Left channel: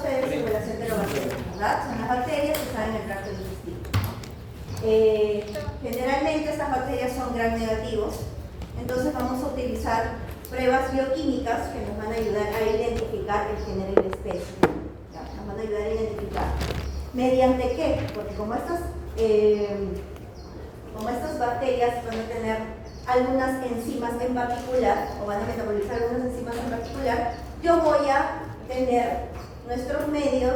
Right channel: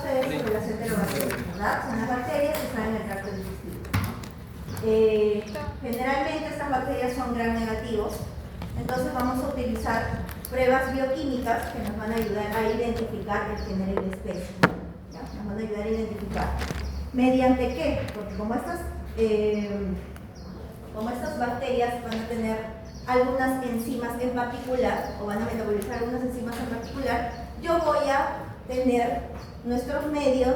ustedes sobre las enterobacterias, ¿verdad? Son las bacterias que están en el tracto digestivo. Generalmente estas bacterias son gram negativos, entonces vamos a utilizar pruebas bioquímicas que nos van a ayudar a identificar el género y la especie. ¿Ya? Nos van a ayudar a identificar. ¿Mediante qué? Porque como estas bacterias van a tener algunas enzimas en particular, o van a metabolizar algunas enzimas en particular, yo voy a tener nuestros medios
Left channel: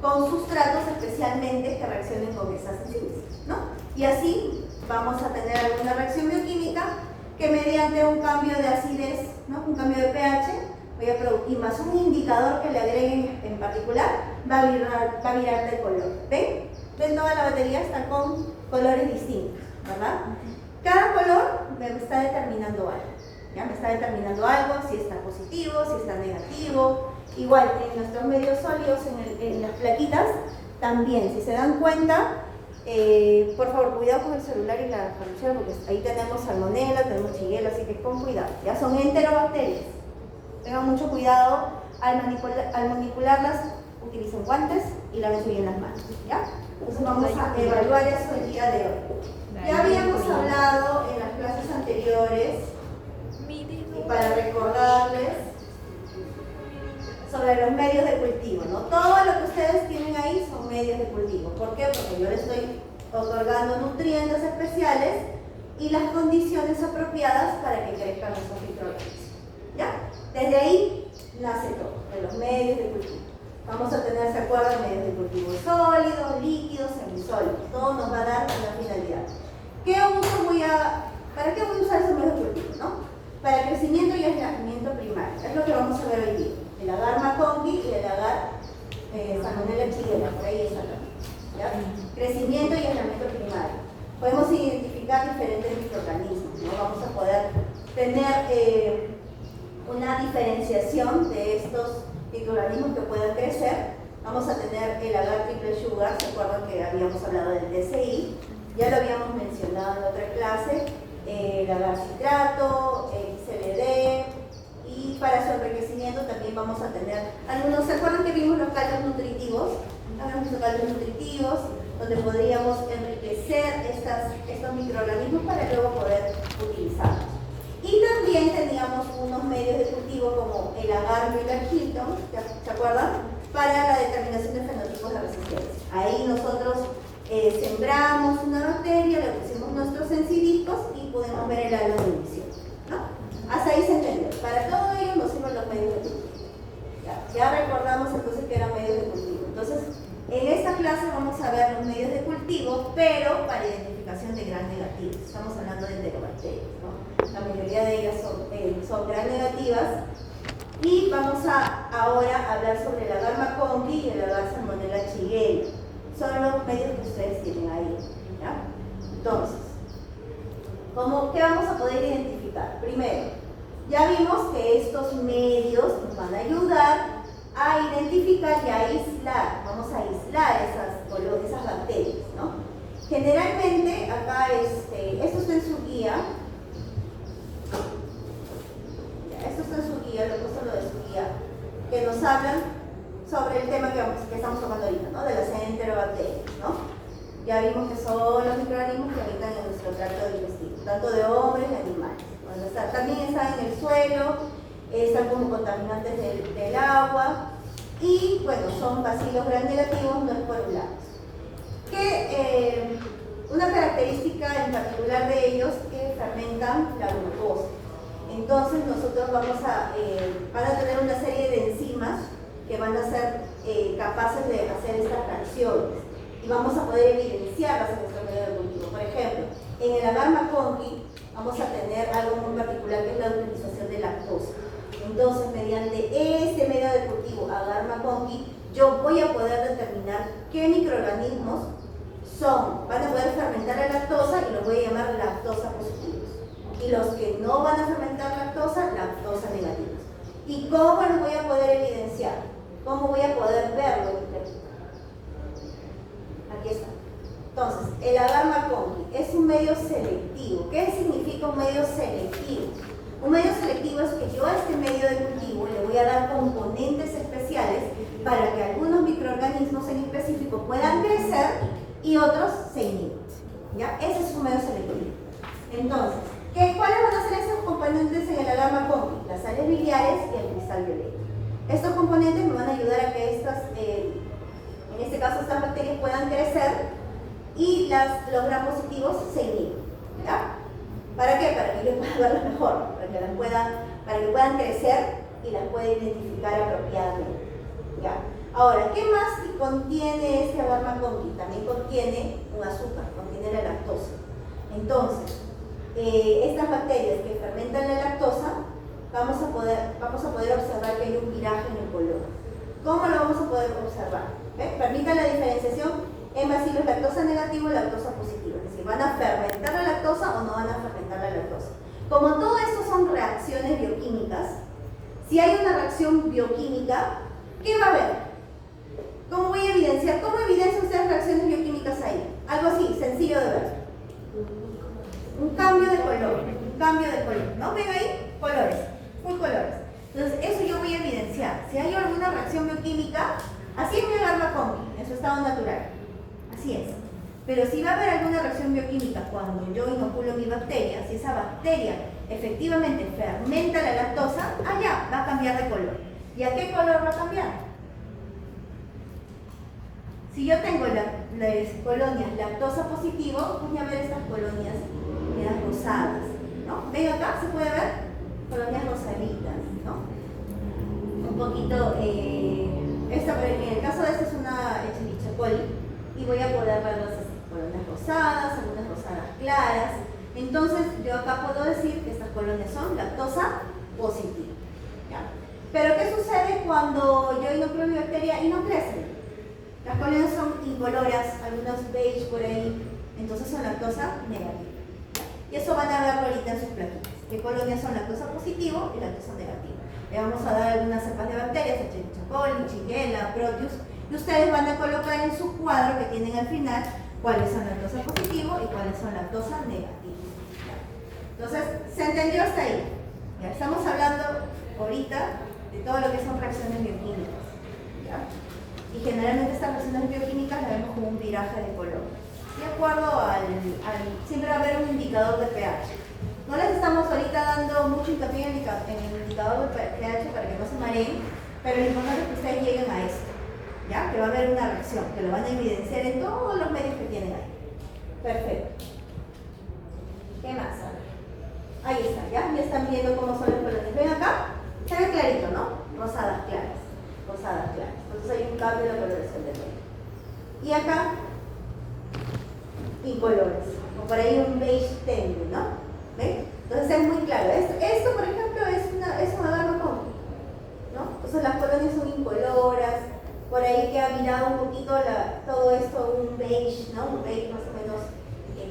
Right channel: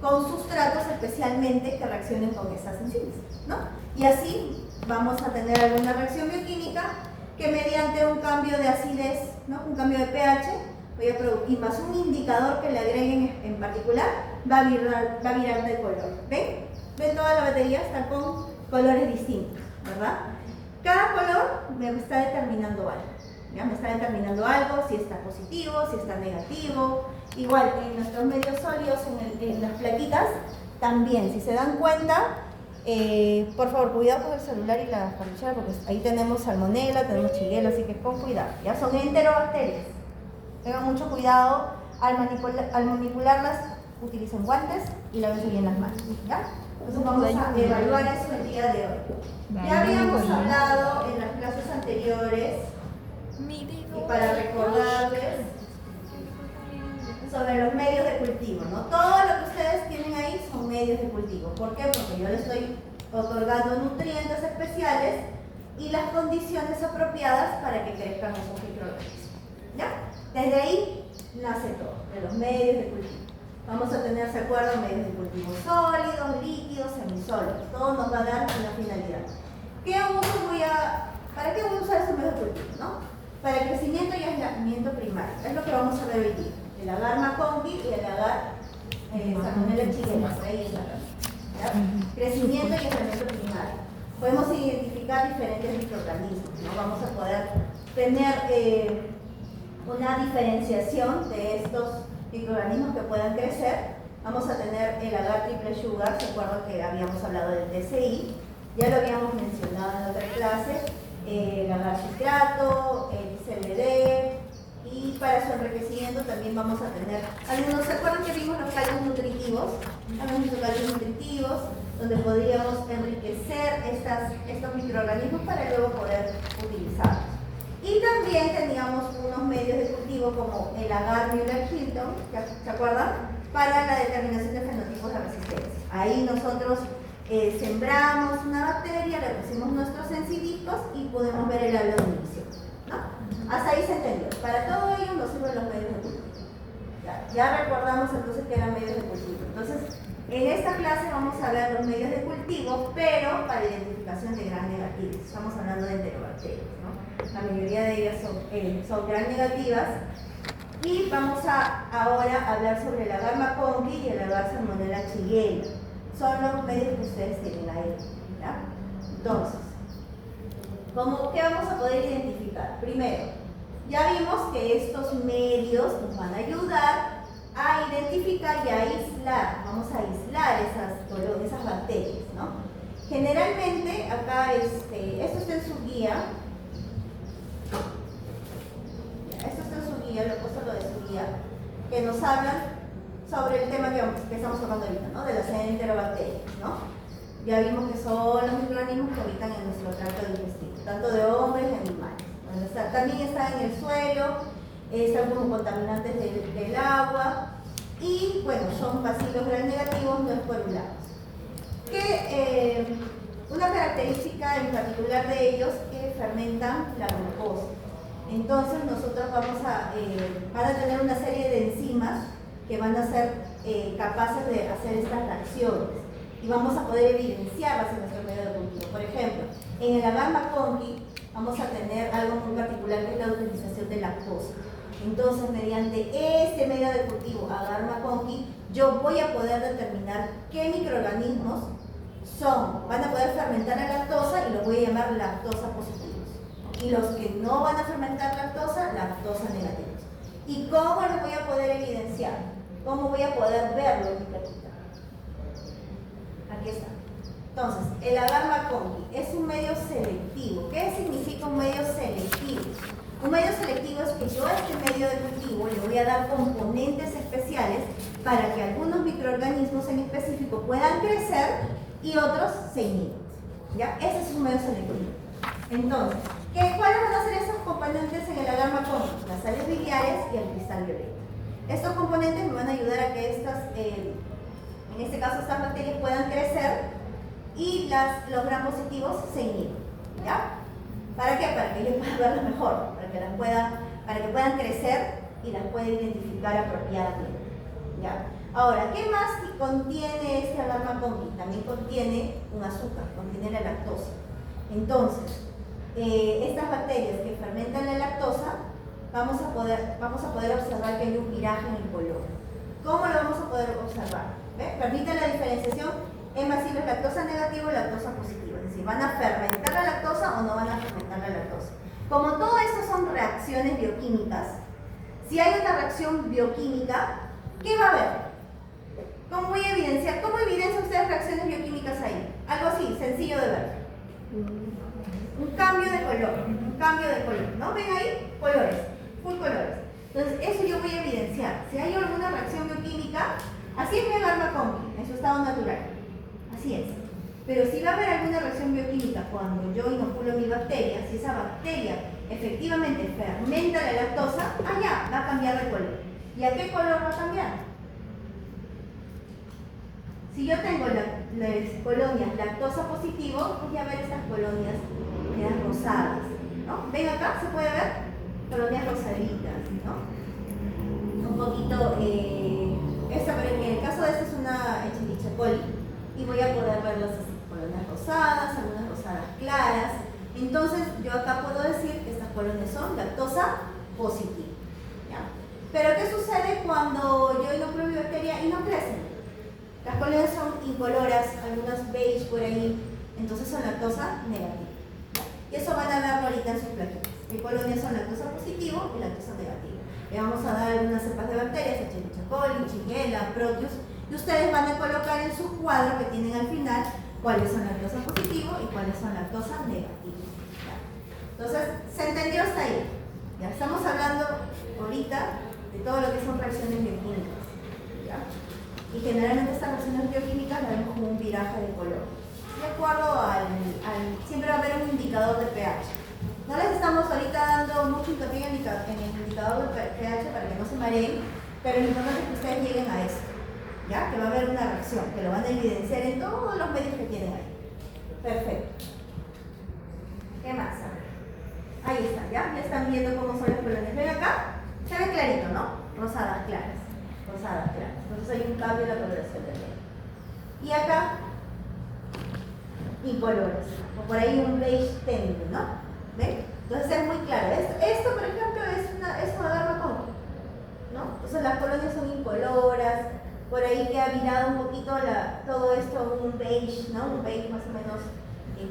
con sustratos especialmente que reaccionen con esas enzimas, ¿no? Y así vamos a tener alguna reacción bioquímica que mediante un cambio de acidez, ¿no? Un cambio de pH, voy a producir más un indicador que le agreguen en particular, va a virar de color. ¿Ven? ¿Ven? Toda la batería está con colores distintos, ¿verdad? Cada color me está determinando algo. ¿Ya? Me está determinando algo, si está positivo, si está negativo. Igual, en nuestros medios sólidos, en las plaquitas, también, si se dan cuenta, por favor, cuidado con el celular y la cartuchera, porque ahí tenemos salmonela, tenemos shigella, así que con cuidado. Ya son enterobacterias. Tengan mucho cuidado al manipularlas, utilicen guantes y lávense bien las manos. ¿Ya? Entonces vamos a evaluar eso el día de hoy. Ya habíamos hablado en las clases anteriores, y para recordarles, sobre los medios de cultivo, ¿no? Todo lo que ustedes tienen ahí son medios de cultivo. ¿Por qué? Porque yo les estoy otorgando nutrientes especiales y las condiciones apropiadas para que crezcan esos microorganismos. ¿Ya? Desde ahí nace todo, de los medios de cultivo. Vamos a tener, ¿se acuerdan? Medios de cultivo sólidos, líquidos, semisólidos. Todo nos va a dar una finalidad. ¿Para qué voy a usar esos medios de cultivo? ¿No? Para el crecimiento y aislamiento primario. Es lo que vamos a ver hoy día. El agar McConkey y el agar Salmonella shigella. Por ahí está. ¿Ya? Crecimiento y aislamiento primario. Podemos identificar diferentes microorganismos, ¿no? Vamos a poder tener una diferenciación de estos microorganismos que puedan crecer. Vamos a tener el agar triple sugar, ¿se acuerdan que habíamos hablado del DCI? Ya lo habíamos mencionado en otra clase, el agar citrato, el CLD, y para su enriquecimiento también vamos a tener algunos. ¿Se acuerdan que vimos los caldos nutritivos? Algunos caldos nutritivos, donde podríamos enriquecer estos microorganismos para luego poder utilizarlos. Y también teníamos unos medios de cultivo como el agar Müller-Hilton, ¿se acuerdan? Para la determinación de fenotipos de resistencia. Ahí nosotros sembramos una bacteria, le pusimos nuestros encidiscos y podemos ver el árbol de inicio, ¿no? Hasta ahí se entendió. Para todo ello nos sirven los medios de cultivo. Ya recordamos entonces que eran medios de cultivo. Entonces, en esta clase vamos a ver los medios de cultivo, pero para identificación de gram negativos. Estamos hablando de enterobacterias, ¿no? La mayoría de ellas son gram negativas. Y vamos ahora a hablar sobre el agar McConkey y el agar Salmonella shigella. Son los medios que ustedes tienen ahí. ¿Ya? Entonces, ¿qué vamos a poder identificar? Primero, ya vimos que estos medios nos van a ayudar a identificar y a aislar. Vamos a aislar esas bacterias, ¿no? Generalmente, acá, esto está en su guía. Esto está en su guía, lo he puesto lo de su guía, que nos hablan sobre el tema que estamos tocando ahorita, ¿no? De las enterobacterias, ¿no? Ya vimos que son los microorganismos que habitan en nuestro tracto digestivo, tanto de hombres y animales. Bueno, también están en el suelo, están como contaminantes del agua y, bueno, son bacilos gram negativos no esporulados. Una característica en particular de ellos es que fermentan la glucosa. Entonces nosotros van a tener una serie de enzimas que van a ser capaces de hacer estas reacciones y vamos a poder evidenciarlas en nuestro medio de cultivo. Por ejemplo, en el agar McConkey vamos a tener algo muy particular que es la utilización de lactosa. Entonces, mediante este medio de cultivo, agar McConkey, yo voy a poder determinar qué microorganismos van a poder fermentar la lactosa y los voy a llamar lactosa positivos. Y los que no van a fermentar lactosa negativos. ¿Y cómo los voy a poder evidenciar? ¿Cómo voy a poder verlo en mi plaquita? Aquí está. Entonces, el agar McConkey es un medio selectivo. ¿Qué significa un medio selectivo? Un medio selectivo es que yo a este medio de cultivo le voy a dar componentes especiales para que algunos microorganismos en específico puedan crecer y otros se inhiban. ¿Ya? Ese es un medio selectivo. Entonces, ¿cuáles van a ser esos componentes en el agar McConkey? Las sales biliares y el cristal violeta. Estos componentes me van a ayudar a que en este caso estas bacterias puedan crecer y los gram positivos se inhiban. ¿Ya? ¿Para qué? Para que yo pueda verlas mejor, para que puedan crecer y las pueda identificar apropiadamente. ¿Ya? Ahora, ¿qué más contiene este agar McConkey? También contiene un azúcar, contiene la lactosa. Entonces, estas bacterias que fermentan la lactosa, vamos a poder observar que hay un viraje en el color. ¿Cómo lo vamos a poder observar? ¿Ve? Permita la diferenciación en bacilos lactosa negativo y lactosa positivo. Es decir, ¿van a fermentar la lactosa o no van a fermentar la lactosa? Como todo esto son reacciones bioquímicas, si hay una reacción bioquímica, ¿qué va a haber? ¿Cómo voy a evidenciar? ¿Cómo evidencian ustedes reacciones bioquímicas ahí? Algo así, sencillo de ver. Un cambio de color, ¿no? ¿Ven ahí? Colores, full colores. Entonces, eso yo voy a evidenciar. Si hay alguna reacción bioquímica, así es mi agar McConkey, en su estado natural. Así es. Pero si va a haber alguna reacción bioquímica cuando yo inoculo mi bacteria, si esa bacteria efectivamente fermenta la lactosa, ya, va a cambiar de color. ¿Y a qué color va a cambiar? Si yo tengo las colonias lactosa positivo, voy a ver estas colonias medias rosadas, ¿no? ¿Ven acá? ¿Se puede ver? Colonias rosaditas, ¿no? Un poquito, en el caso de esta es una Escherichia coli, y voy a poder ver las colonias rosadas, algunas rosadas claras. Entonces, yo acá puedo decir que estas colonias son lactosa positiva, ¿ya? Pero, ¿qué sucede cuando yo inoculo mi bacteria y no crecen? Las colonias son incoloras, algunas beige por ahí, entonces son lactosa negativa. Y eso van a verlo ahorita en sus plaquitas. ¿Qué colonias son lactosa positivo y lactosa negativa? Le vamos a dar algunas cepas de bacterias, Escherichia coli, Shigella, Proteus, y ustedes van a colocar en su cuadro que tienen al final cuáles son lactosa positivo y cuáles son lactosa negativa. Entonces, ¿se entendió hasta ahí? Ya estamos hablando ahorita de todo lo que son reacciones bioquímicas. ¿Ya? Y generalmente estas reacciones bioquímicas las vemos como un viraje de color. De acuerdo siempre va a haber un indicador de pH. No les estamos ahorita dando mucho hincapié en el indicador de pH para que no se mareen, pero lo importante es que ustedes lleguen a esto, ¿ya? Que va a haber una reacción, que lo van a evidenciar en todos los medios que tienen ahí. Perfecto. ¿Qué más? A ver. Ahí está, ¿ya? Ya están viendo cómo son las colonias. ¿Ven acá? Se ve clarito, ¿no? Rosadas claras. Rosadas claras. Entonces hay un cambio en la coloración del medio. Y acá, incolores. O por ahí un beige tenue, ¿no? ¿Ven? Entonces es muy claro. Esto por ejemplo, es un agar McConkey, ¿no? Entonces las colonias son incoloras. Por ahí que ha virado un poquito todo esto, un beige, ¿no? Un beige más o menos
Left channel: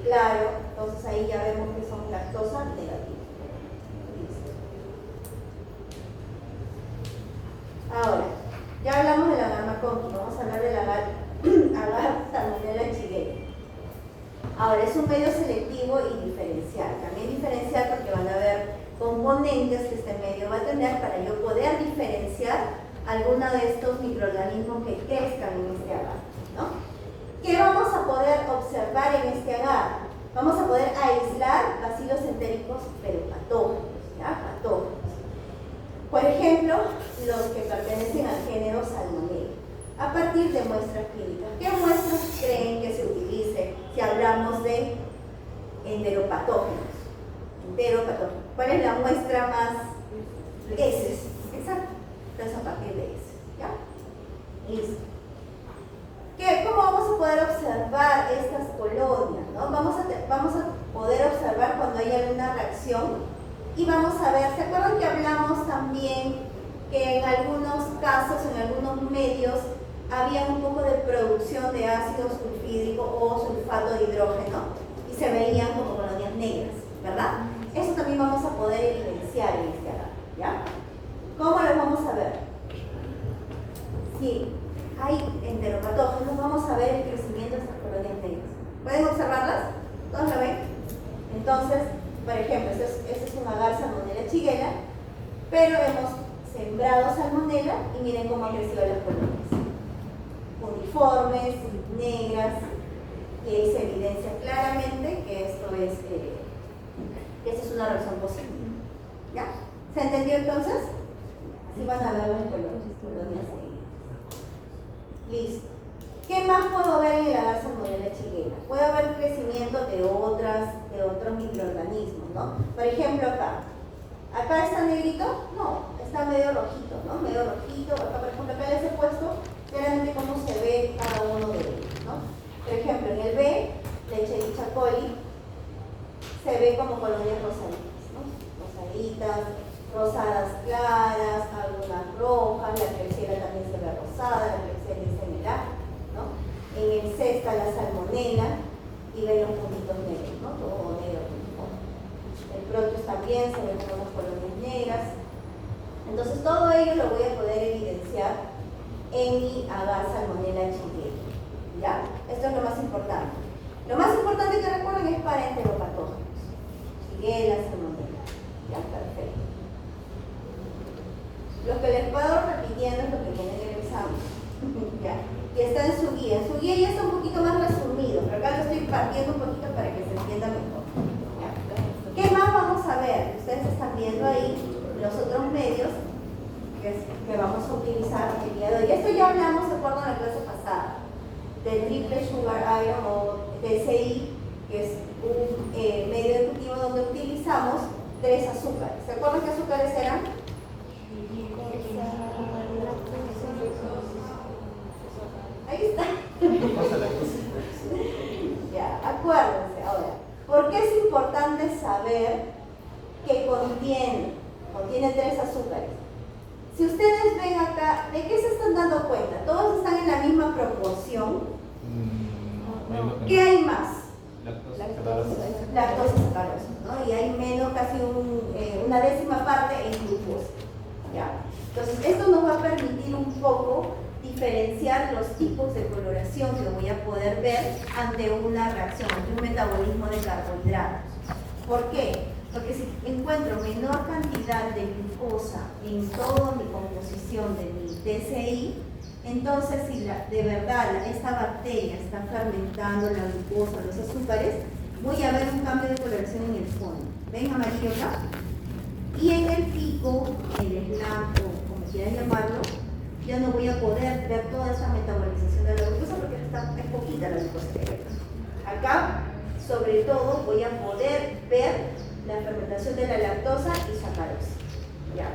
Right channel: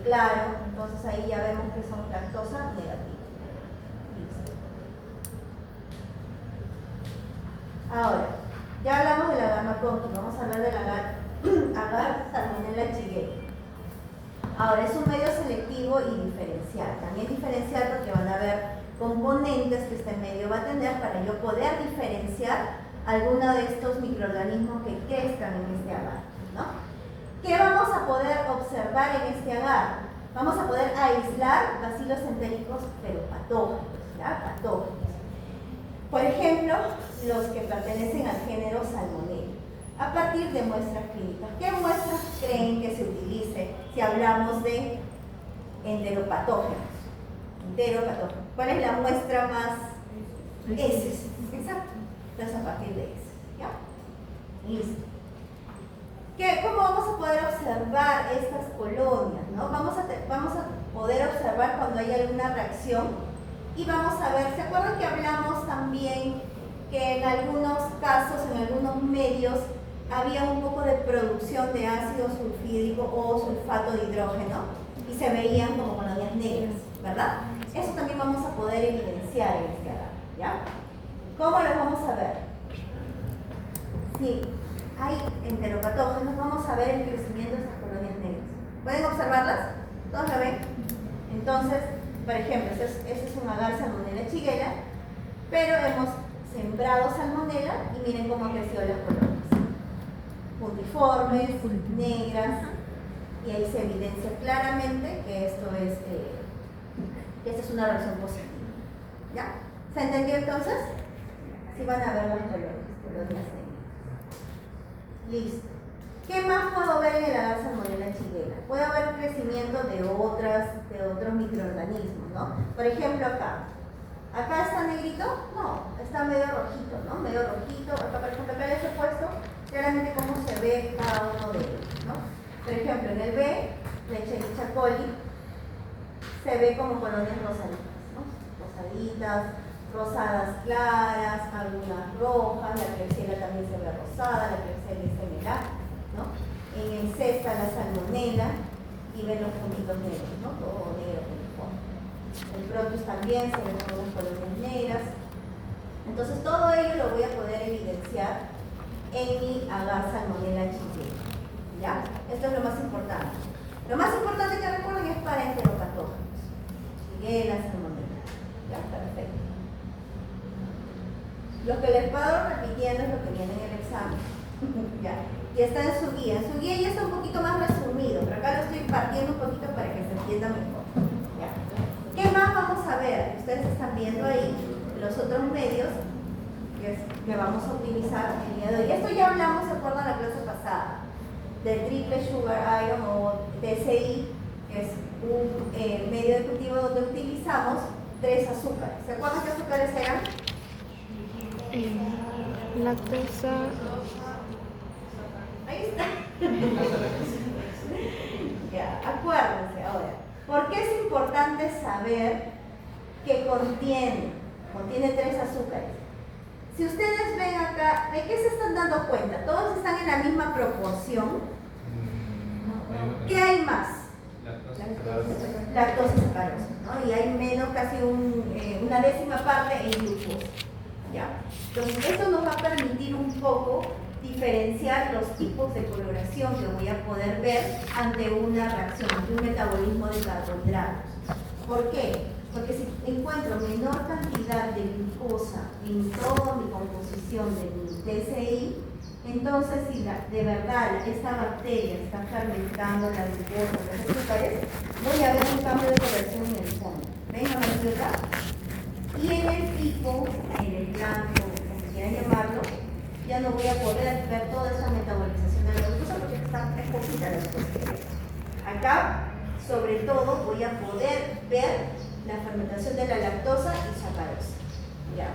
claro. Entonces ahí ya vemos que son lactosa negativa. Ahora, ya hablamos del agar McConkey, vamos a hablar del agar Salmonella Shigella. Ahora, es un medio selectivo y diferencial. También diferencial porque van a haber componentes que este medio va a tener para yo poder diferenciar alguno de estos microorganismos que crezcan en este agar, ¿no? ¿Qué vamos a poder observar en este agar? Vamos a poder aislar bacilos entéricos, pero patógenos, ¿ya? Patógenos. Por ejemplo, los que pertenecen al género Salmonella, a partir de muestras clínicas. ¿Qué muestras creen que se utilice si hablamos de enteropatógenos? Enteropatógenos. ¿Cuál es la muestra más? Heces. Exacto. Entonces, a partir de eso, ¿ya? Listo. ¿Cómo vamos a poder observar estas colonias, ¿no? Vamos a poder observar cuando hay alguna reacción y vamos a ver, ¿se acuerdan que hablamos también que en algunos casos, en algunos medios, había un poco de producción de ácido sulfídrico o sulfato de hidrógeno y se veían como colonias negras, ¿verdad? Eso también vamos a poder evidenciar en este agar, ¿ya? ¿Cómo lo vamos a ver? Si hay enteropatógenos, vamos a ver el crecimiento de estas colonias negras. ¿Pueden observarlas? ¿Todos lo ven? Entonces, Por ejemplo, este es un agar Salmonella shigella, pero hemos sembrado Salmonella y miren cómo han crecido las colonias. Puntiformes, negras, y ahí se evidencia claramente que esto es, que esta es una reacción positiva. ¿Ya? ¿Se entendió entonces? Así van a ver las colonias negras. Listo. ¿Qué más puedo ver en el agar Salmonella shigella? Puedo ver crecimiento de otros microorganismos, ¿no? Por ejemplo, acá está negrito, no, está medio rojito, ¿no? Medio rojito. Acá, por ejemplo, acá les he puesto claramente cómo se ve cada uno de ellos, ¿no? Por ejemplo, en el B, Leisherichia coli, se ve como colonias rosaditas, ¿no? Rosaditas, rosadas claras, algunas rojas, la Klebsiella también se ve rosada, la Klebsiella similar, ¿no? En el C está la Salmonella y ven los puntitos negros, ¿no? Todo negro, uniforme. El Proteus también se ven como unas colonias negras. Entonces todo ello lo voy a poder evidenciar en mi agar Salmonella shigella. ¿Ya? Esto es lo más importante. Lo más importante que recuerden es para enteropatógenos. Shigella, Salmonella. ¿Ya? Perfecto. Lo que les puedo repitiendo es lo que viene en el examen. ¿Ya? Y está en su guía. En su guía ya está un poquito más resumido, pero acá lo estoy partiendo un poquito para que se entienda mejor. ¿Ya? ¿Qué más vamos a ver? Ustedes están viendo ahí los otros medios que vamos a utilizar el día de hoy. Esto ya hablamos, ¿se acuerdan la clase pasada? Del triple sugar iron o TSI, que es un medio de cultivo donde utilizamos 3 azúcares. ¿Se acuerdan qué azúcares eran? Lactosa. Ahí está. Ya, acuérdense ahora. ¿Por qué es importante saber que contiene 3 azúcares? Si ustedes ven acá, ¿de qué se están dando cuenta? ¿Todos están en la misma proporción? ¿Qué hay más? Lactosa y sacarosa, ¿no? Y hay menos, casi una décima parte en glucosa. ¿Ya? Entonces, esto nos va a permitir un poco diferenciar los tipos de coloración que voy a poder ver ante una reacción, ante un metabolismo de carbohidratos. ¿Por qué? Porque si encuentro menor cantidad de glucosa en toda mi composición de mi TSI, entonces si de verdad esta bacteria está fermentando la glucosa, los azúcares, voy a ver un cambio de coloración en el fondo. ¿Ven amarillo acá? Y en el pico, en el blanco, como quieran llamarlo, ya no voy a poder ver toda esa metabolización de la glucosa porque está poquita la glucosa. Acá, sobre todo, voy a poder ver la fermentación de la lactosa y sacarosa. ¿Ya?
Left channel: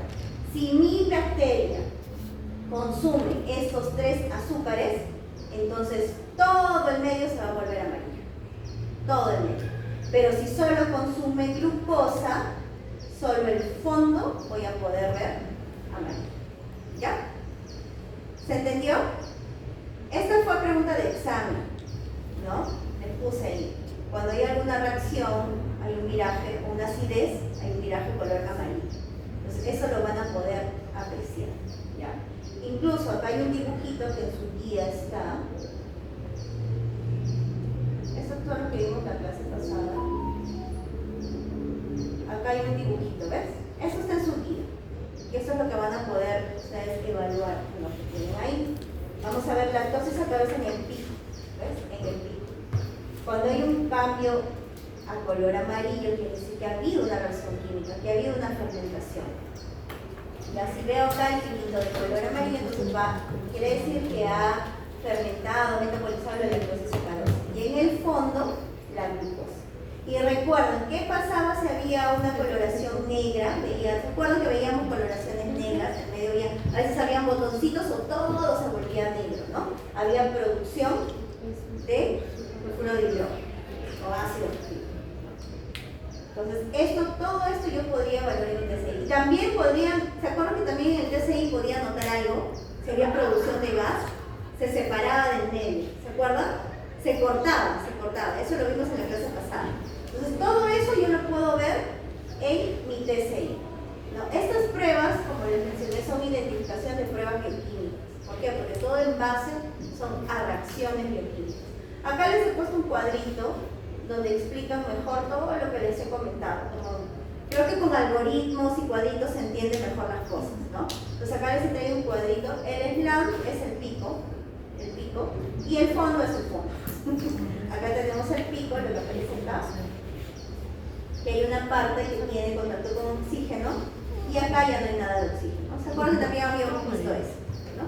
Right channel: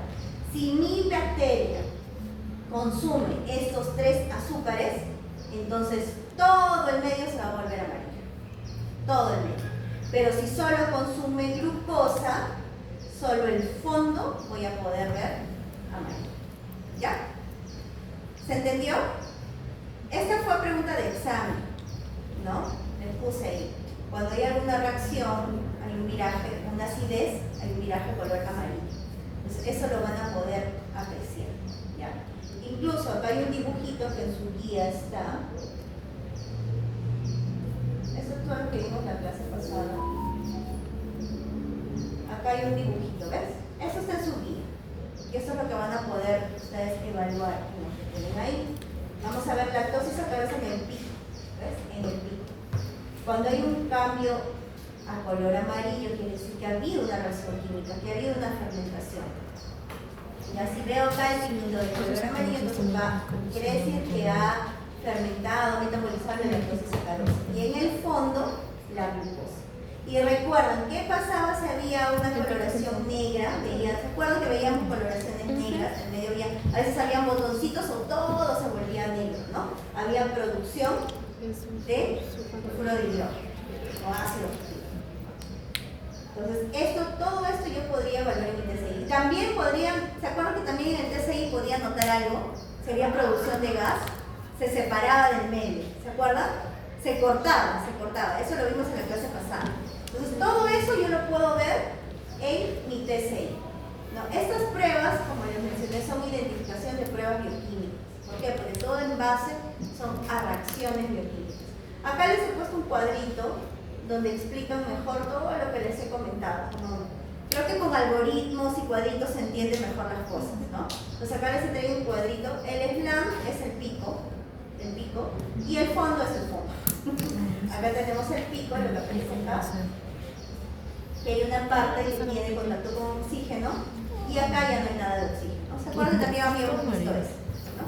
Si mi bacteria consume estos 3 azúcares, entonces todo el medio se va a volver amarillo. Todo el medio. Pero si solo consume glucosa, solo el fondo voy a poder ver amarillo. ¿Ya? ¿Se entendió? Esta fue pregunta de examen, ¿no? Les puse ahí. Cuando hay alguna reacción, hay un viraje, una acidez, hay un viraje color amarillo. Entonces, eso lo van a poder apreciar. ¿Ya? Incluso acá hay un dibujito que en su guía está. Eso es todo lo que vimos la clase pasada. Acá hay un dibujito, ¿ves? Eso está en su guía. Y eso es lo que van a poder ustedes evaluar en lo que tienen ahí. Vamos a ver lactosa y sacarosa en el pico. ¿Ves? En el pico. Cuando hay un cambio a color amarillo, quiere decir que ha habido una reacción química, que ha habido una fermentación. Y así veo acá el cilindro de color amarillo, entonces quiere decir que ha fermentado, metabolizado la lactosa y sacarosa. Y en el fondo, la glucosa. Y recuerden, ¿qué pasaba si había una coloración negra? ¿Se acuerdan que veíamos coloraciones negras en medio día? A veces habían botoncitos o todo se volvía negro, ¿no? Había producción de sulfuro de hidrógeno o ácido fosfórico. Entonces, todo esto yo podría evaluar en el TSI. También ¿se acuerdan que también en el TSI podía notar algo? Si había producción de gas, se separaba del medio, ¿se acuerdan? Se cortaba. Eso lo vimos en la clase pasada. Entonces, todo eso yo lo puedo ver en mi TSI. ¿No? Estas pruebas, como les mencioné, son identificación de pruebas bioquímicas. ¿Por qué? Porque todo en base son a reacciones bioquímicas. Acá les he puesto un cuadrito, donde explican mejor todo lo que les he comentado. Creo que con algoritmos y cuadritos se entienden mejor las cosas, ¿no? Entonces acá les he traído un cuadrito. El slant es el pico, y el fondo es el fondo. Acá tenemos el pico, lo que aparece acá, que hay una parte que tiene contacto con oxígeno, y acá ya no hay nada de oxígeno. ¿Se acuerdan? También habíamos visto eso, ¿no?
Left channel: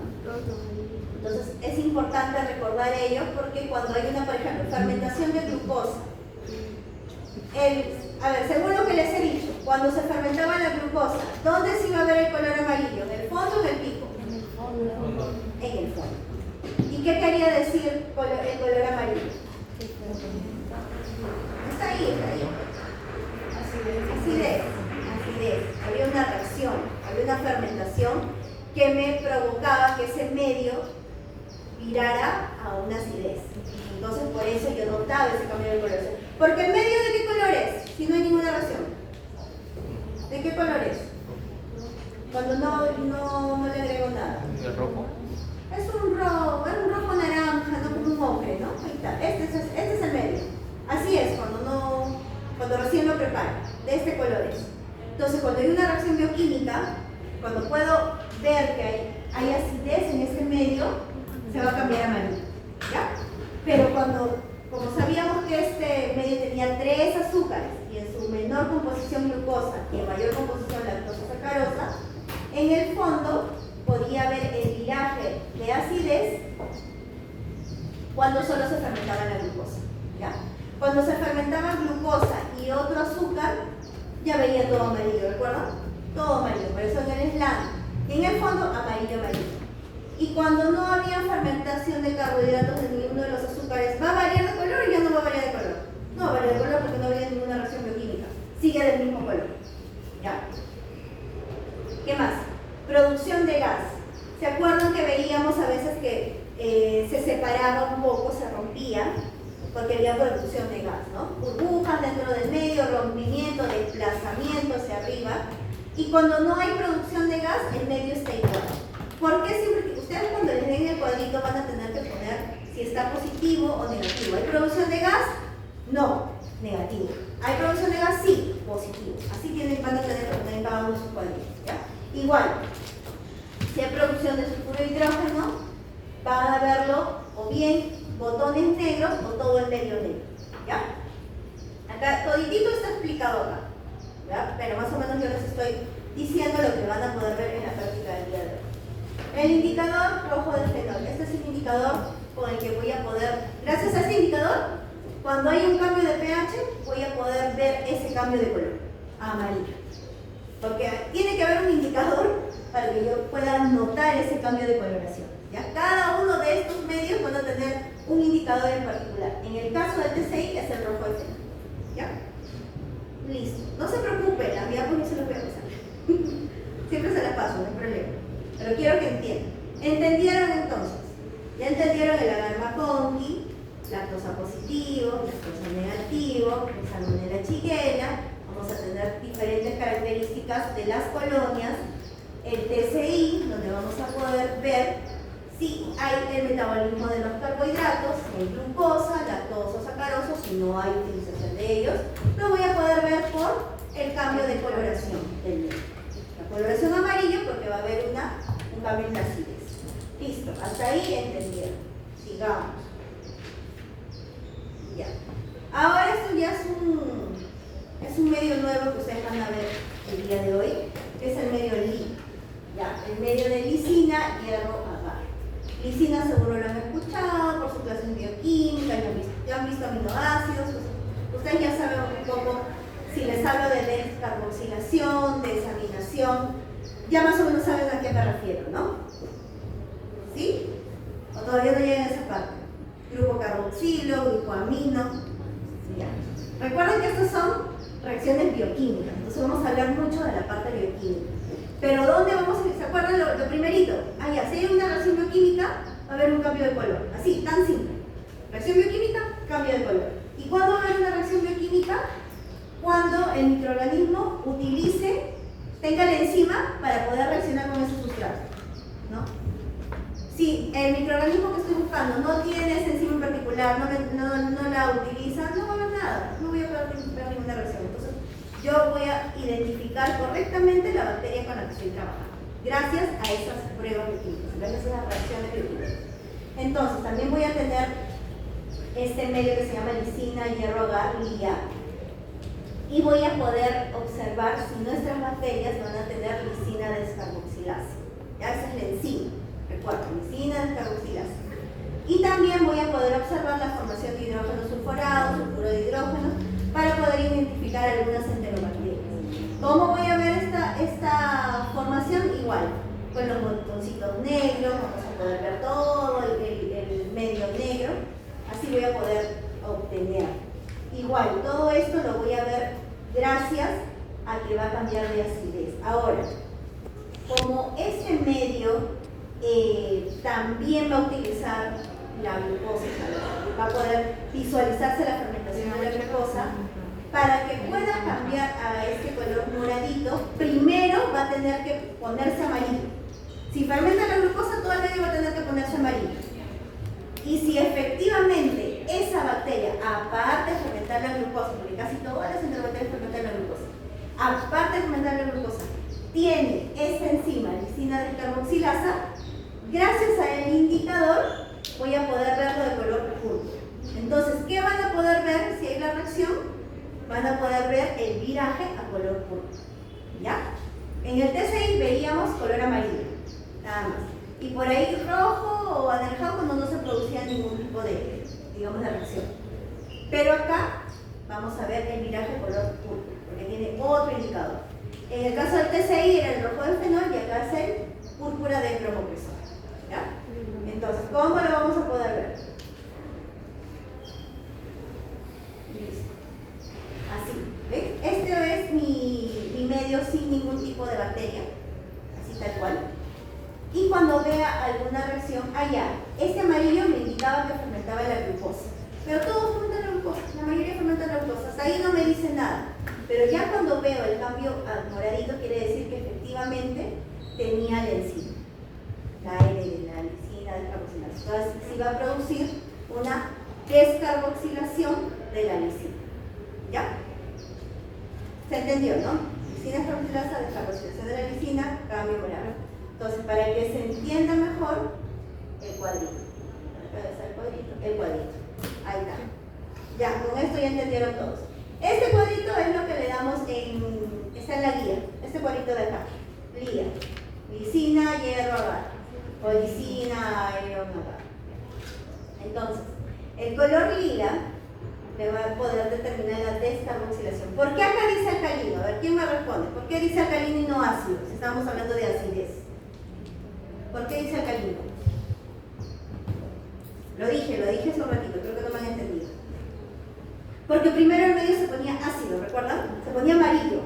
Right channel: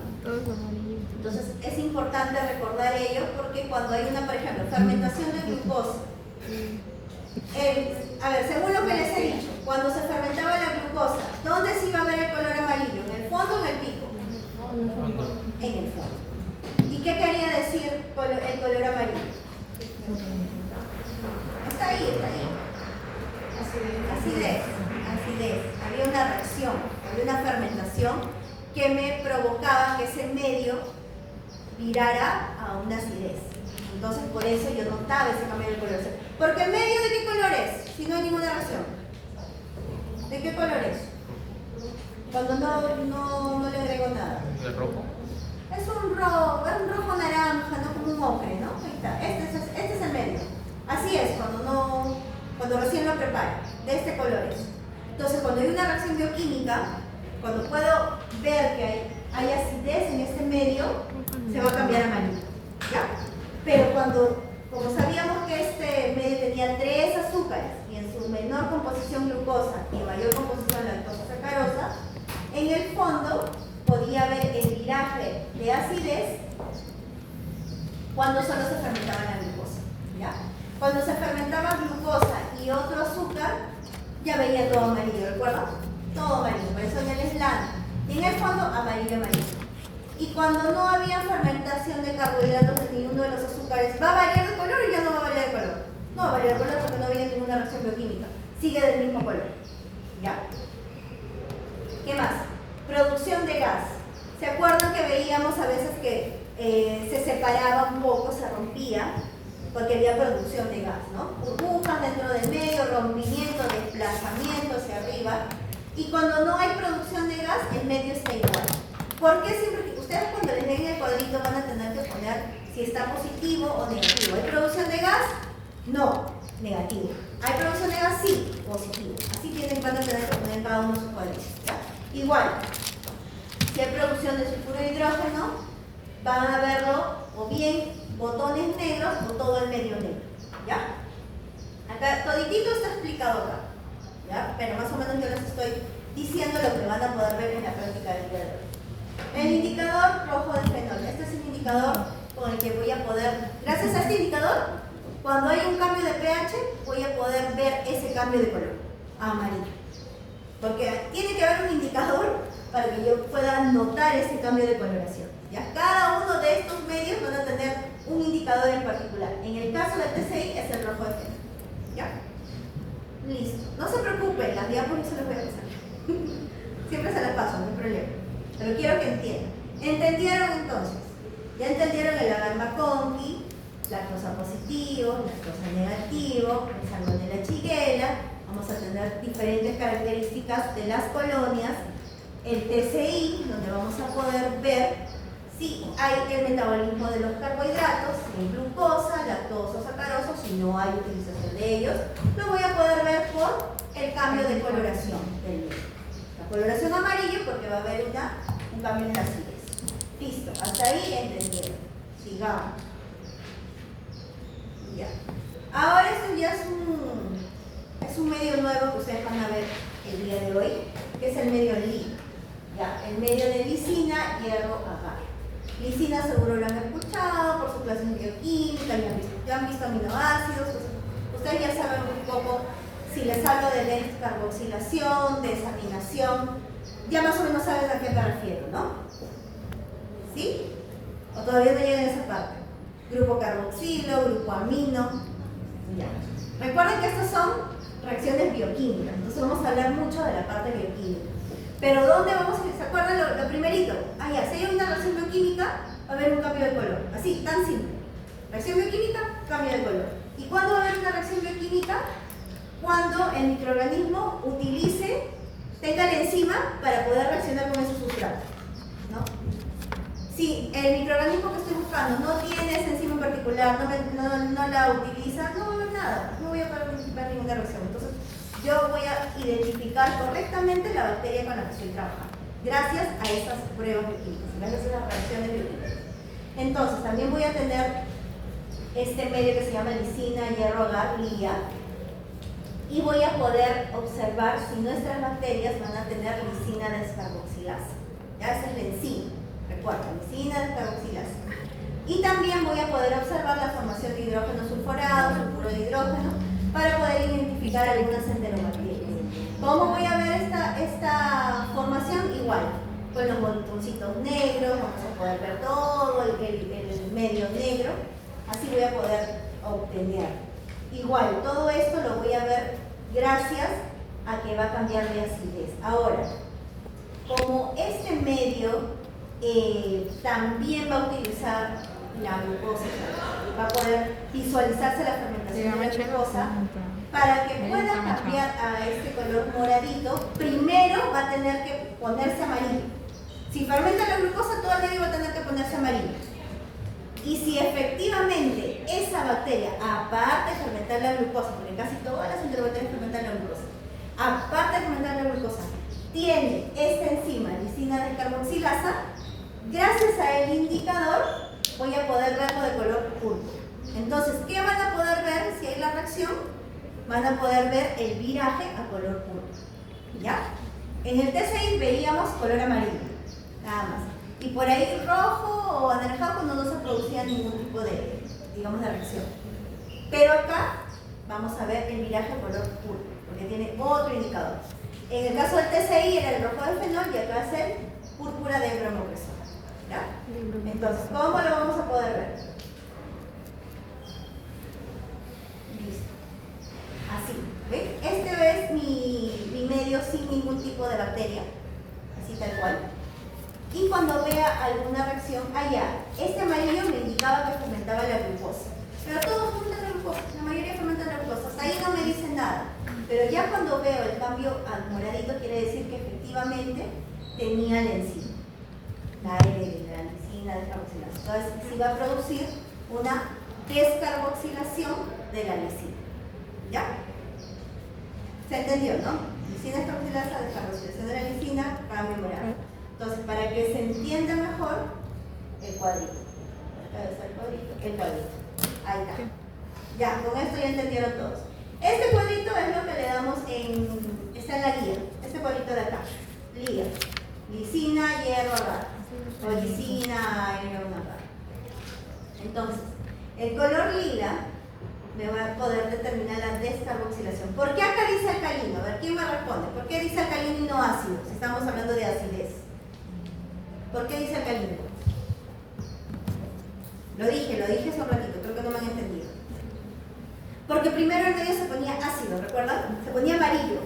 Entonces es importante recordar ello porque cuando hay una, por ejemplo, fermentación de glucosa, a ver, según lo que les he dicho, cuando se fermentaba la glucosa, ¿dónde se iba a ver el color amarillo? ¿En el fondo o en el pico? En el fondo. ¿Y qué quería decir el color amarillo? Está ahí, está ahí. Acidez. Había una reacción, había una fermentación que me provocaba que ese medio virara a una acidez. Entonces por eso yo notaba ese cambio de color. Porque el medio, ¿de qué color es? Si no hay ninguna reacción. ¿De qué color es? Cuando no le agrego nada. ¿De rojo? Es un rojo naranja, no como un ocre, ¿no? Ahí está. Este es el medio. Así es, cuando recién lo preparo. De este color es. Entonces cuando hay una reacción bioquímica, cuando puedo ver que hay acidez en este medio, se va a cambiar a amarillo, ¿ya? Pero como sabíamos que este medio tenía 3 azúcares y en su menor composición glucosa y en mayor composición lactosa sacarosa, en el fondo podía ver el viraje de acidez cuando solo se fermentaba la glucosa, ¿ya? Cuando se fermentaba glucosa y otro azúcar, ya veía todo amarillo, ¿recuerdan? Todo amarillo, por eso en el slant. Y en el fondo, amarillo. Y cuando no había fermentación de carbohidratos de ninguno de los azúcares, ¿va a variar de color o ya no va a variar de color? No va a variar de color porque no había ninguna reacción bioquímica. Sigue del mismo color. ¿Ya? ¿Qué más? Producción de gas. ¿Se acuerdan que veíamos a veces que se separaba un poco, se rompía? Porque había producción de gas, ¿no? Burbujas dentro del medio, rompimiento, desplazamiento hacia arriba. Y cuando no hay producción de gas, el medio está igual. ¿Por qué siempre? Ustedes cuando les den el cuadrito van a tener que poner si está positivo o negativo. ¿Hay producción de gas? No, negativo. ¿Hay producción de gas? Sí, positivo. Así van a tener que poner cada uno sus cuadritos, ¿ya? Igual, si hay producción de sulfuro de hidrógeno, van a verlo o bien botones negros o todo el medio negro, ¿ya? Acá toditito está explicado acá, ¿ya? Pero más o menos yo les estoy diciendo lo que van a poder ver en la práctica del día de hoy. El indicador rojo de fenol. Este es un indicador con el que voy a poder, gracias a este indicador, cuando hay un cambio de pH, voy a poder ver ese cambio de color, amarillo. Porque tiene que haber un indicador para que yo pueda notar ese cambio de coloración, ¿ya? Cada uno de estos medios van a tener un indicador en particular. En el caso del TCI es el rojo de fenol, ¿ya? Listo. No se preocupen, las diapositivas no se las voy a pasar. Siempre se las paso, no hay problema. Pero quiero que entiendan. ¿Entendieron entonces? Ya entendieron el agar-McConkey, lactosa positivo, lactosa negativo, el Salmonella shigella. Vamos a tener diferentes características de las colonias. El TCI, donde vamos a poder ver si hay el metabolismo de los carbohidratos, si hay glucosa, lactosa, sacarosa, si no hay utilización de ellos. Lo voy a poder ver por el cambio de coloración del medio. La coloración amarillo porque va a haber un cambio en la acidez. Listo, hasta ahí entendieron. Sigamos. Ya. Ahora esto ya es un medio nuevo que ustedes van a ver el día de hoy, que es el medio LI. Ya, el medio de lisina, hierro, agar. Lisina seguro lo han escuchado por su clase de bioquímica, ya han visto aminoácidos. Ustedes ya saben un poco. Si les hablo de descarboxilación, desaminación, ya más o menos saben a qué me refiero, ¿no? ¿Sí? ¿O todavía no llegan a esa parte? Grupo carboxilo, grupo amino. Ya. Recuerden que estas son reacciones bioquímicas, entonces vamos a hablar mucho de la parte bioquímica. Pero ¿dónde vamos a...? ¿Se acuerdan lo primerito? Ah, ya, si hay una reacción bioquímica, va a haber un cambio de color. Así, tan simple. Reacción bioquímica, cambio de color. ¿Y cuándo va a haber una reacción bioquímica? Cuando el microorganismo tenga la enzima para poder reaccionar con ese sustrato, ¿no? Si el microorganismo que estoy buscando no tiene esa enzima en particular, no la utiliza, no va a haber nada, no voy a poder participar en ninguna reacción. Entonces, yo voy a identificar correctamente la bacteria con la que estoy trabajando, gracias a esas pruebas bioquímicas, gracias a esas reacciones bioquímicas. Entonces, también voy a tener este medio que se llama lisina, hierro, agar, LIA, y voy a poder observar si nuestras bacterias van a tener lisina descarboxilasa. Ya esa es la enzima, recuerda, lisina descarboxilasa. Y también voy a poder observar la formación de hidrógeno sulfurado, sulfuro de hidrógeno, para poder identificar algunas enterobacterias. ¿Cómo voy a ver esta formación? Igual, con los botoncitos negros, vamos a poder ver todo el medio negro, así voy a poder obtener. Igual, todo esto lo voy a ver gracias a que va a cambiar de acidez. Ahora, como este medio también va a utilizar la glucosa, va a poder visualizarse la fermentación de la glucosa, para que pueda cambiar a este color moradito, primero va a tener que ponerse amarillo. Si fermenta la glucosa, todo el medio va a tener que ponerse amarillo. Y si efectivamente esa bacteria, aparte de fermentar la glucosa, porque casi todas las enterobacterias fermentan la glucosa, aparte de fermentar la glucosa, tiene esta enzima, lisina descarboxilasa, gracias al indicador voy a poder verlo de color púrpura. Entonces, ¿qué van a poder ver si hay la reacción? Van a poder ver el viraje a color púrpura. ¿Ya? En el TCI veíamos color amarillo, nada más. Y por ahí rojo o anaranjado cuando no se producía ningún tipo de, digamos, de reacción. Pero acá vamos a ver el viraje a color púrpura, porque tiene otro indicador. En el caso del TCI era el rojo del fenol y acá es el púrpura de bromopresol. ¿Ya? Entonces, ¿cómo lo vamos a poder ver? Listo. Así. ¿Ven? Este es mi medio sin ningún tipo de bacteria. Así tal cual. Y cuando vea alguna reacción allá, este amarillo me indicaba que fermentaba la glucosa. Pero todos fermentan la glucosa, la mayoría fermentan la glucosa. Hasta ahí no me dice nada. Pero ya cuando veo el cambio al moradito, quiere decir que efectivamente tenía la enzima. La L, la lisina descarboxilasa. Entonces, sí va a producir una descarboxilación de la lisina. ¿Ya? ¿Se entendió, no? Lisina descarboxilasa, descarboxilación de la lisina, cambio morado. Entonces, para que se entienda mejor, el cuadrito. El cuadrito. Ahí está. Ya, con esto ya entendieron todos. Este cuadrito es lo que le damos está en la guía. Este cuadrito de acá. Guía. Lisina, hierro, agar. O lisina, iron, agar. Entonces, el color lila me va a poder determinar la descarboxilación. ¿Por qué acá dice alcalino? A ver, ¿quién me responde? ¿Por qué dice alcalino y no ácido? Si estamos hablando de acidez. ¿Por qué dice alcalino? Lo dije hace un ratito, creo que no me han entendido. Porque primero el medio se ponía ácido, ¿recuerdan? Se ponía amarillo.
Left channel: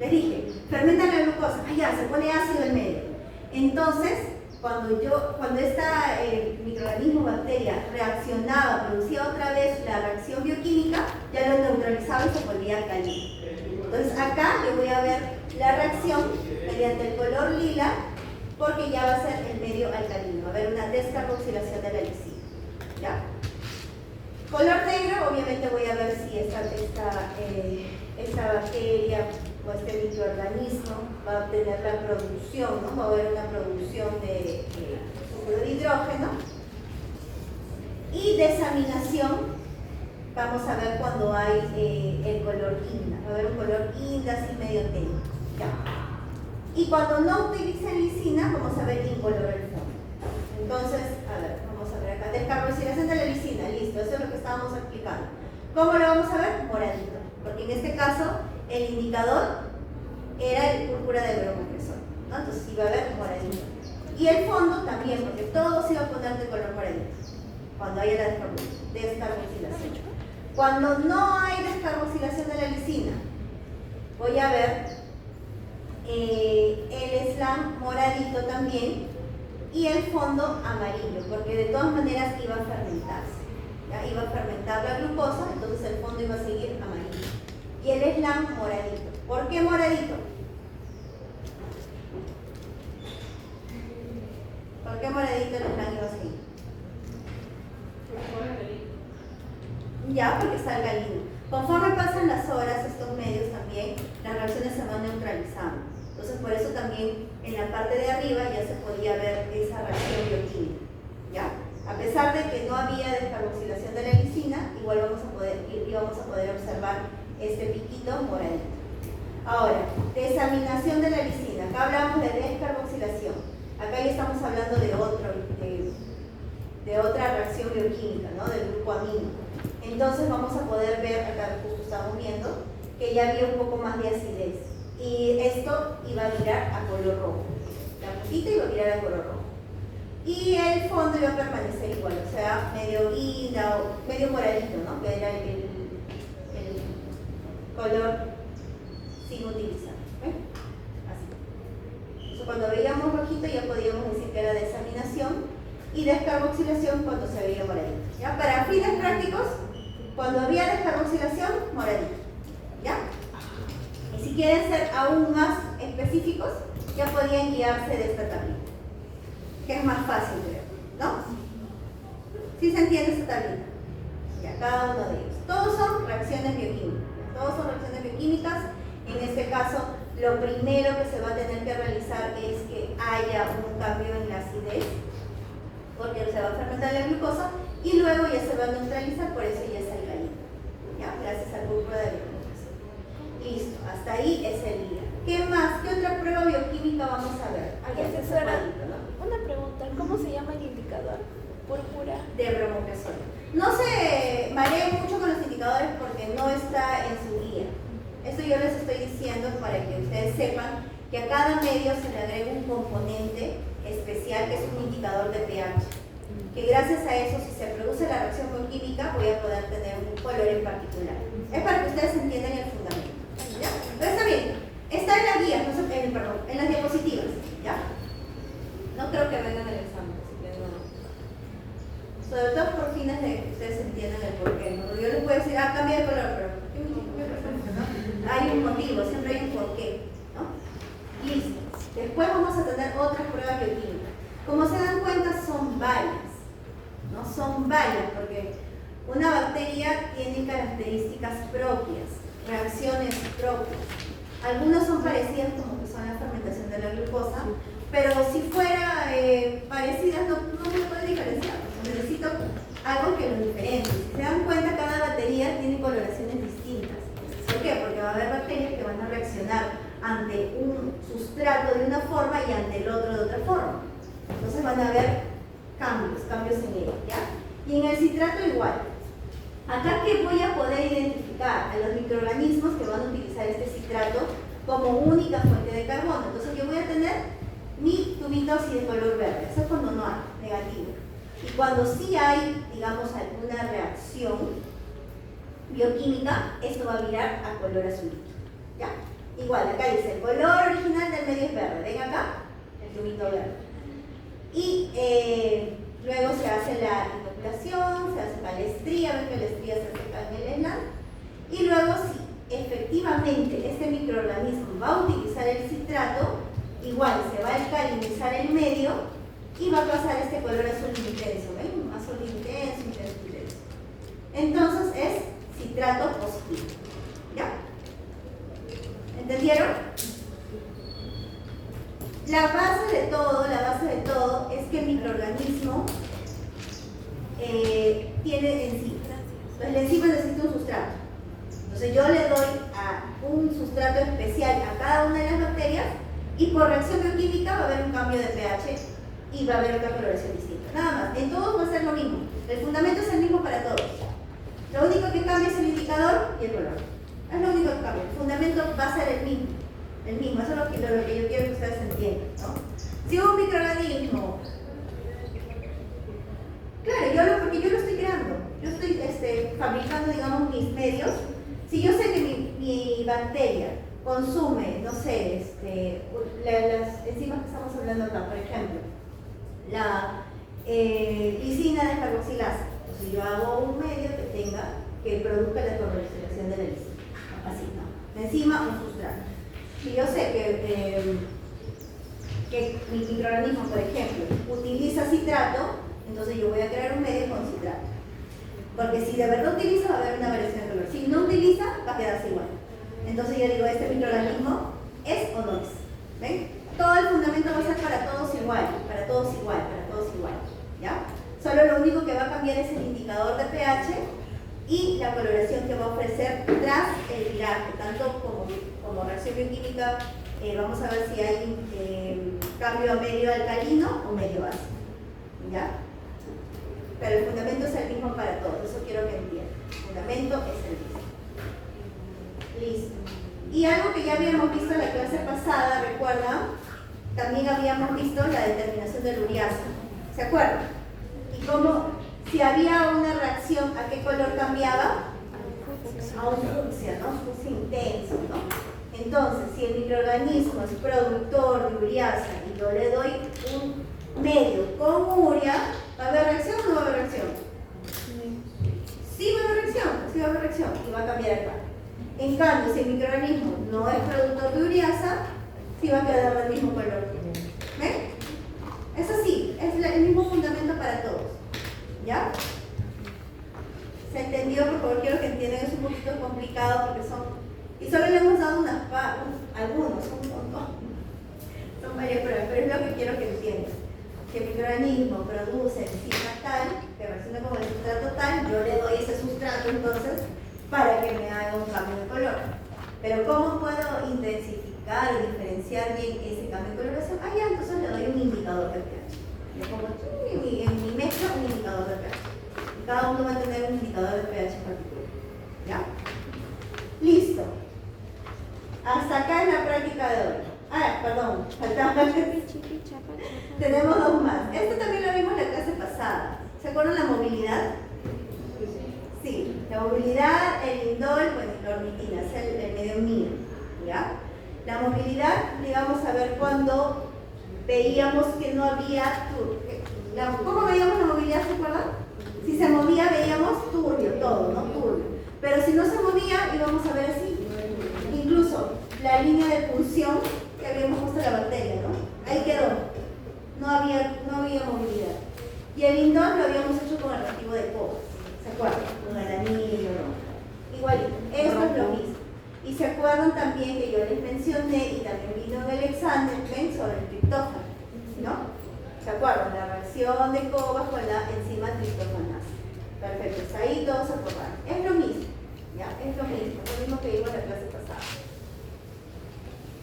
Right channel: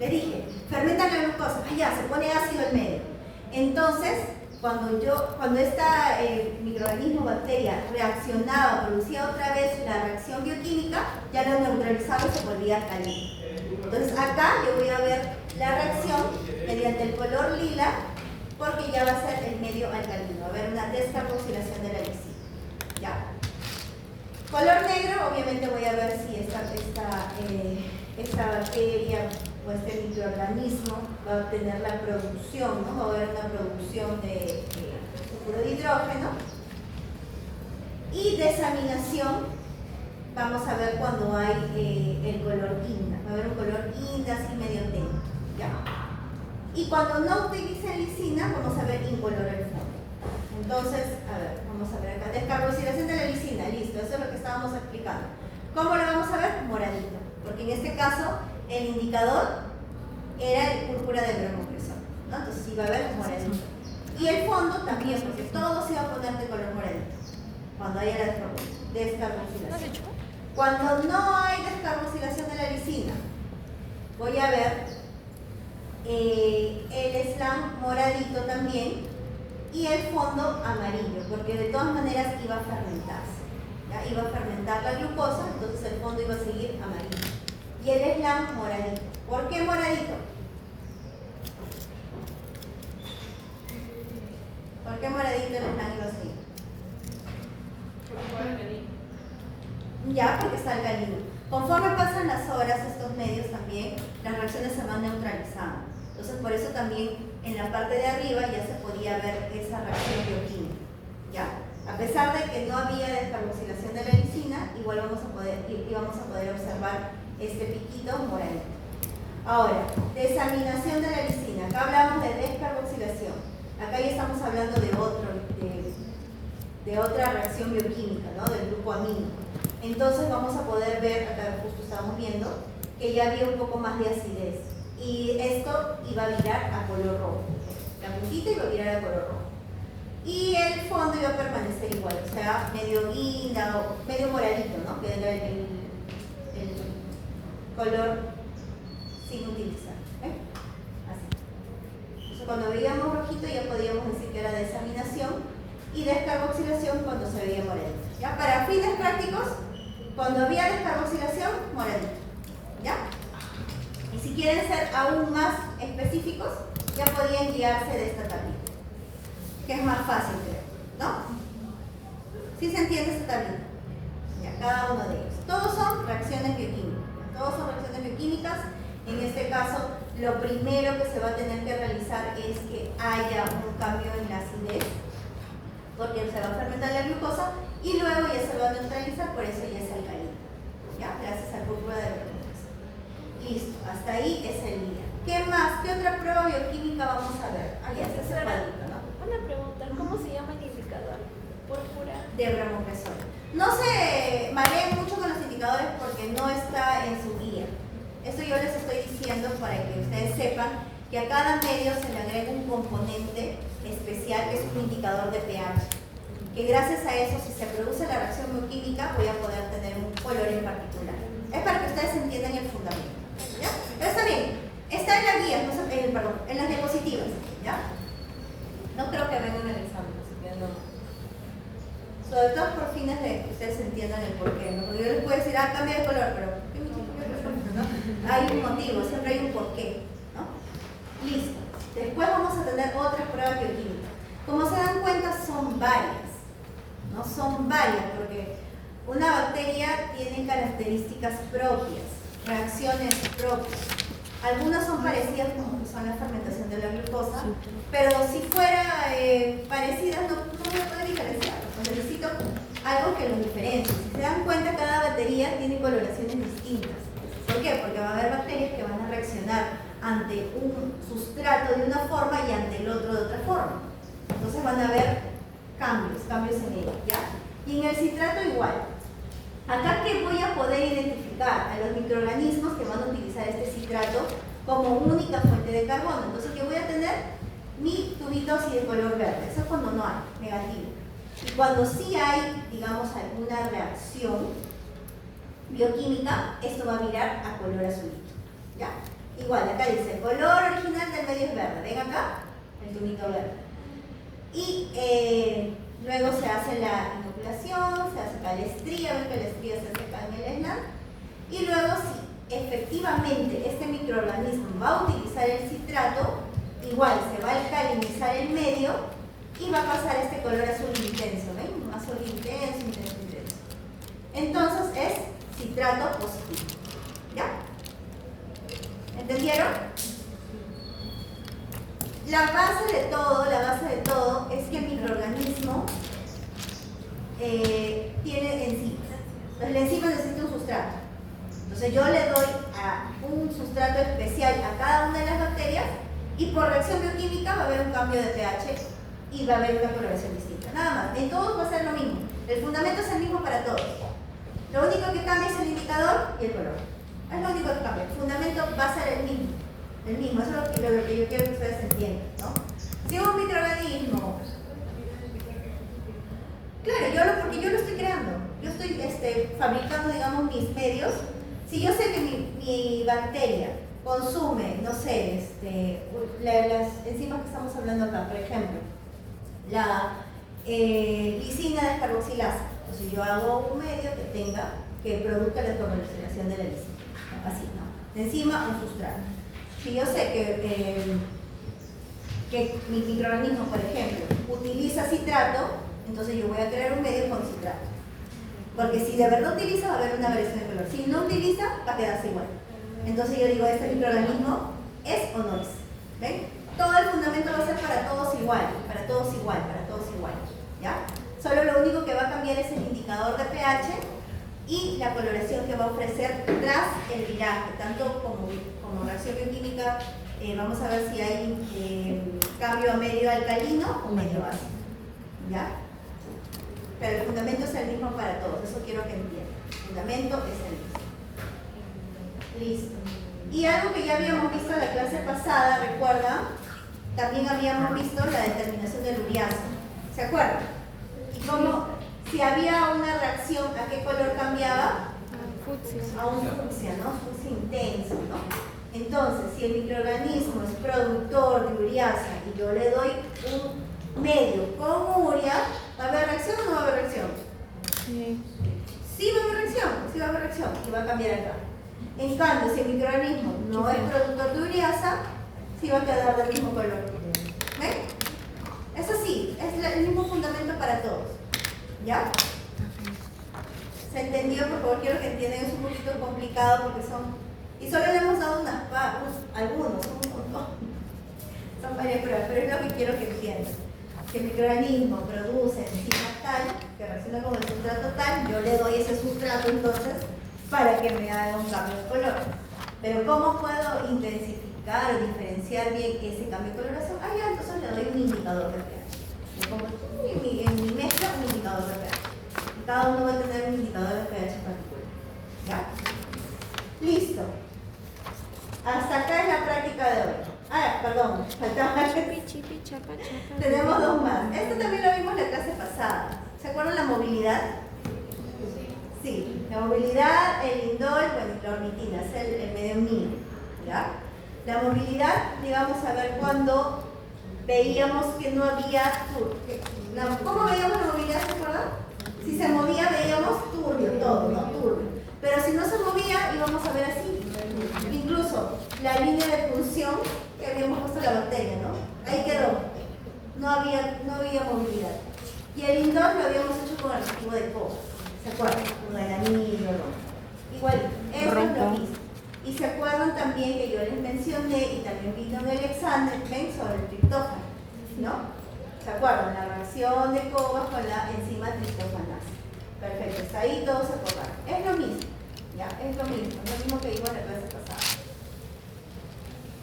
Les dije, fermentan la glucosa, ya, se pone ácido el medio. Entonces, cuando esta microorganismo, bacteria, reaccionaba, producía otra vez la reacción bioquímica, ya lo neutralizaba y se volvía alcalino. Entonces acá yo voy a ver la reacción mediante el color lila, porque ya va a ser el medio alcalino, va a haber una descarboxilación de la lisina. ¿Ya? Color negro, obviamente voy a ver si esta bacteria o este microorganismo va a tener la producción, ¿no? Va a haber una producción de sulfuro de hidrógeno. Y desaminación, vamos a ver cuando hay el color guinda, va a haber un color guinda así medio tenue. ¿Ya? Y cuando no utilicen lisina, vamos a ver incolor el fondo. Entonces, a ver, vamos a ver acá. Descarboxilación de la lisina, listo, eso es lo que estábamos explicando. ¿Cómo lo vamos a ver? Moradito. Porque en este caso, el indicador era el púrpura de bromopresol, ¿no? Entonces iba a ver moradito. Y el fondo también, porque todo se va a poner de color moradito cuando haya la descarboxilación. Cuando no hay descarboxilación de la lisina, voy a ver el slam moradito también y el fondo amarillo, porque de todas maneras iba a fermentarse. ¿Ya? Iba a fermentar la glucosa, entonces el fondo iba a seguir amarillo. Y el slam moradito. ¿Por qué moradito? ¿Por qué moradito el slam ya, porque está alcalino. Conforme pasan las horas, estos medios también, las reacciones se van neutralizando. Entonces, por eso también en la parte de arriba ya se podía ver esa reacción bioquímica, ¿ya? A pesar de que no había descarboxilación de la lisina, igual íbamos a poder observar este piquito moradito. Ahora, desaminación de la lisina. Acá hablamos de descarboxilación. Acá ya estamos hablando de otra reacción bioquímica, ¿no? Del grupo amino. Entonces vamos a poder ver, acá justo estamos viendo, que ya había un poco más de acidez. Y esto iba a virar a color rojo. La puntita iba a virar a color rojo. Y el fondo iba a permanecer igual, o sea, medio guinda o medio moradito, ¿no? Que era el color sin utilizar. ¿Ven? Así. Entonces, cuando veíamos rojito ya podíamos decir que era desaminación y descarboxilación cuando se veía moradito. ¿Ya? Para fines prácticos, cuando había descarboxilación, moradito. ¿Ya? Y si quieren ser aún más específicos, ya podían guiarse de esta tablita, que es más fácil, creo, ¿no? ¿Sí se entiende esta tablita? Ya, cada uno de ellos. Todos son reacciones bioquímicas. Todos son reacciones bioquímicas. En este caso, lo primero que se va a tener que realizar es que haya un cambio en la acidez, porque se va a fermentar la glucosa y luego ya se va a neutralizar, por eso ya es alcalino. Ya, gracias al grupo de fermentación. Listo, hasta ahí es el día. ¿Qué más? ¿Qué otra prueba bioquímica vamos a ver? Ah, ya, ese cuadrito, ¿no? Una pregunta, ¿cómo se llama el indicador? Púrpura. De bromopresol. No se mareen mucho con los indicadores porque no está en su guía. Eso yo les estoy diciendo para que ustedes sepan que a cada medio se le agrega un componente especial que es un indicador de pH. Que gracias a eso, si se produce la reacción bioquímica, voy a poder tener un color en particular. Es para que ustedes entiendan el fundamento. ¿Ya? Pero está bien. Está en la guía, no sé, perdón, en las diapositivas. ¿Ya? No creo que vengan en el examen, así que no. Sobre todo por fines de que ustedes entiendan el porqué, ¿no? Porque yo les puedo decir, cambia de color, pero ¿qué me cambia de color? ¿No? Hay un motivo, siempre hay un porqué, ¿no? Listo. Después vamos a tener otras pruebas bioquímicas. Como se dan cuenta, son varias, ¿no? Son varias, porque una bacteria tiene características propias, reacciones propias. Algunas son parecidas, como que son la fermentación de la glucosa, pero si fuera parecidas no me puede diferenciar. Necesito algo que los diferencie. Si se dan cuenta, cada batería tiene coloraciones distintas. ¿Por qué? Porque va a haber bacterias que van a reaccionar ante un sustrato de una forma y ante el otro de otra forma. Entonces van a haber cambios en ella, ¿ya? Y en el citrato igual. Acá que voy a poder identificar a los microorganismos que van a utilizar este citrato como única fuente de carbono. Entonces, ¿qué voy a tener? Mi tubito así de color verde. Eso es cuando no hay, negativo. Y cuando sí hay, digamos, alguna reacción bioquímica, esto va a virar a color azulito. ¿Ya? Igual, acá dice, el color original del medio es verde. Ven acá, el tubito verde. Y luego se hace la inoculación, se hace calestría, ven que la estría se hace acá en el SLAM. Y luego, si efectivamente este microorganismo va a utilizar el citrato, igual se va a alcalinizar el medio y va a pasar este color azul intenso, ¿ven? Un azul intenso, intenso, intenso. Entonces es citrato positivo. ¿Ya? ¿Entendieron? La base de todo es que el microorganismo tiene enzimas. Entonces la enzima necesita un sustrato. Entonces yo le doy a un sustrato especial a cada una de las bacterias y por reacción bioquímica va a haber un cambio de pH y va a haber una coloración distinta. Nada más. En todos va a ser lo mismo. El fundamento es el mismo para todos. Lo único que cambia es el indicador y el color. Es lo único que cambia. El fundamento va a ser el mismo. El mismo. Eso es lo que yo quiero que ustedes entiendan, ¿no? Si un microorganismo, claro, porque yo lo estoy creando. Yo estoy fabricando, digamos, mis medios. Si yo sé que mi bacteria consume, no sé, las enzimas que estamos hablando acá, por ejemplo, la glicina descarboxilasa. Entonces yo hago un medio que produzca la descarboxilación de la glicina. Así, ¿no? La enzima, un sustrato. Si yo sé que mi microorganismo, por ejemplo, utiliza citrato, entonces yo voy a crear un medio con citrato. Porque si de verdad utiliza, va a haber una variación de color. Si no utiliza, va a quedarse igual. Entonces yo digo, ¿este microorganismo es o no es? ¿Ven? Todo el fundamento va a ser para todos igual, para todos igual, para todos igual. ¿Ya? Solo lo único que va a cambiar es el indicador de pH y la coloración que va a ofrecer tras el viraje, tanto como reacción bioquímica. Vamos a ver si hay cambio a medio alcalino o medio ácido. ¿Ya? Pero el fundamento es el mismo para todos, eso quiero que entiendan. El fundamento es el mismo. Listo. Y algo que ya habíamos visto en la clase pasada, ¿recuerdan? También habíamos visto la determinación del ureasa. ¿Se acuerdan? Y cómo, si había una reacción, ¿a qué color cambiaba? A un fucsia, ¿no? Fucsia intenso, ¿no? Entonces, si el microorganismo es productor de ureasa y yo le doy un medio con urea, ¿va a haber reacción o no va a haber reacción? Sí va a haber reacción, sí va a haber reacción y va a cambiar acá. En cambio, si el microorganismo no es productor de ureasa, sí va a quedar del mismo color. ¿Ven? Es así, es el mismo fundamento para todos. ¿Ya? ¿Se entendió? Por favor, quiero que entiendan, es un poquito complicado porque son... Y solo le hemos dado algunos, un montón. Son varias pruebas, pero es lo que quiero que entiendan. Que el microorganismo produce enzima tal, que reacciona como el sustrato tal, yo le doy ese sustrato entonces para que me haga un cambio de color. Pero ¿cómo puedo intensificar o diferenciar bien ese cambio de coloración? Ah, ya, entonces le doy un indicador de pH. Le pongo aquí en mi mezcla un indicador de pH. Y cada uno va a tener un indicador de pH particular. ¿Ya? Listo. Hasta acá es la práctica de hoy. Ah, perdón, faltaba. Tenemos dos más. Esto también lo vimos en la clase pasada. ¿Se acuerdan la movilidad? Sí, la movilidad, el indol, bueno, la ornitina, es el medio mío. ¿Ya? La movilidad, digamos, a ver cuando veíamos que no había turbio. ¿Cómo veíamos la movilidad? ¿Se acuerdan? Si se movía, veíamos turbio, todo, ¿no? Turbio. Pero si no se movía, íbamos a ver así. Incluso la línea de punción que habíamos puesto la bacteria, ¿no? Ahí quedó. No había movilidad. Y el indol lo habíamos hecho con el reactivo de cobre. ¿Se acuerdan? Con el anillo, ¿no? Igual, eso es lo mismo. Y se acuerdan también que yo les mencioné, y también vino en Alexander, ¿ven? Sobre el triptófano, ¿no? ¿Se acuerdan? La reacción de Cobas con la enzima triptófanasa. Perfecto, hasta ahí todos se acordaron. Es lo mismo, ¿ya? Es lo mismo que vimos en la clase pasada.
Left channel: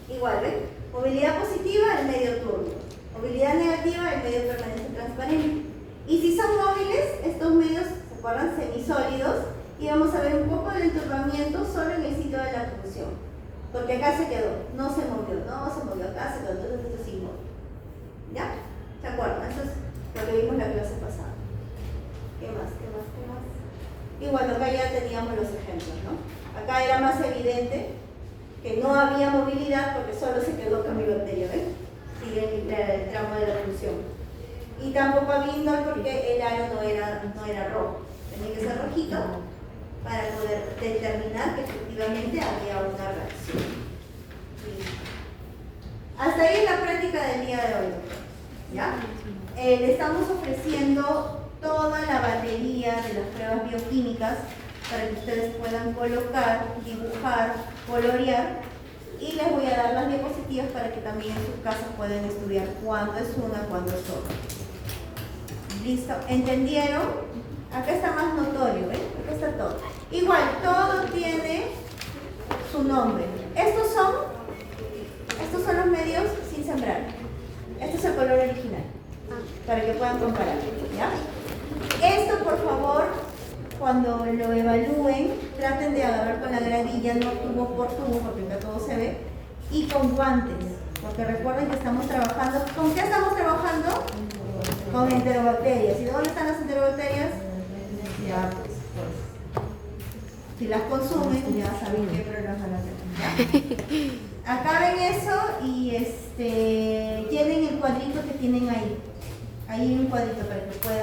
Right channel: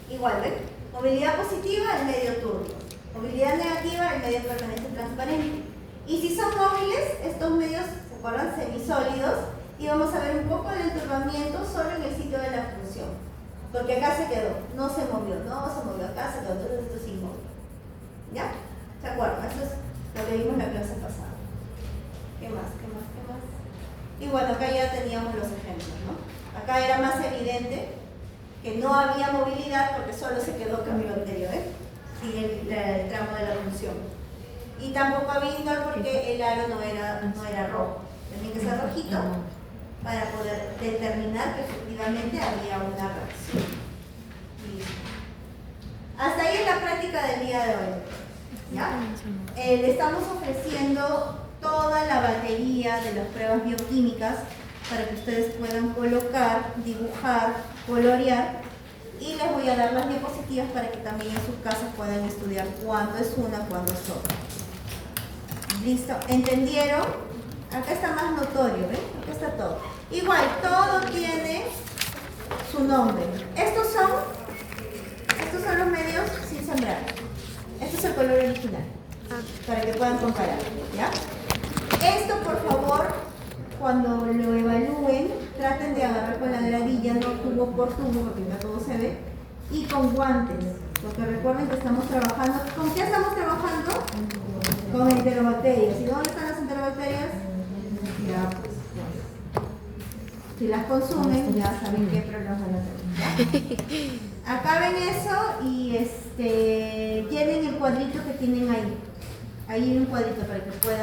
Igual, ¿ven? Movilidad positiva, el medio turbio. Movilidad negativa, el medio permanente transparente. Y si son móviles, estos medios, ¿se acuerdan? Semisólidos. Y vamos a ver un poco el enturbamiento solo en el sitio de la función. Porque acá se quedó, no se movió, acá se quedó, entonces esto es inmóvil. ¿Ya? ¿Se acuerdan? Eso es lo que vimos en la clase pasada. ¿Qué más? Y bueno, acá ya teníamos los ejemplos, ¿no? Acá era más evidente que no había movilidad porque solo se quedó con mi bacteria, ¿ven? Y el tramo de la función. Y tampoco había indol porque el aro no era rojo. Tenía que ser rojito para poder determinar que efectivamente había una reacción. Hasta ahí es la práctica del día de hoy. ¿Ya? Le estamos ofreciendo toda la batería de las pruebas bioquímicas para que ustedes puedan colocar, dibujar, colorear, y les voy a dar las diapositivas para que también en sus casas puedan estudiar cuándo es una, cuándo es otra. ¿Listo? ¿Entendieron? Acá está más notorio, ¿ven? Acá está todo. Igual, todo tiene su nombre. Estos son los medios sin sembrar. Este es el color original, para que puedan comparar, ¿ya? Esto, por favor, cuando lo evalúen, traten de agarrar con la gravilla, no tubo por tubo, porque ya todo se ve, y con guantes, porque recuerden que estamos trabajando. ¿Con qué estamos trabajando? Con enterobacterias. ¿Y dónde están las enterobacterias? Ya, pues, si las consumen, ya saben qué problemas van a tener. Acá ven eso y llenen el cuadrito que tienen ahí. Ahí hay un cuadrito para que puedan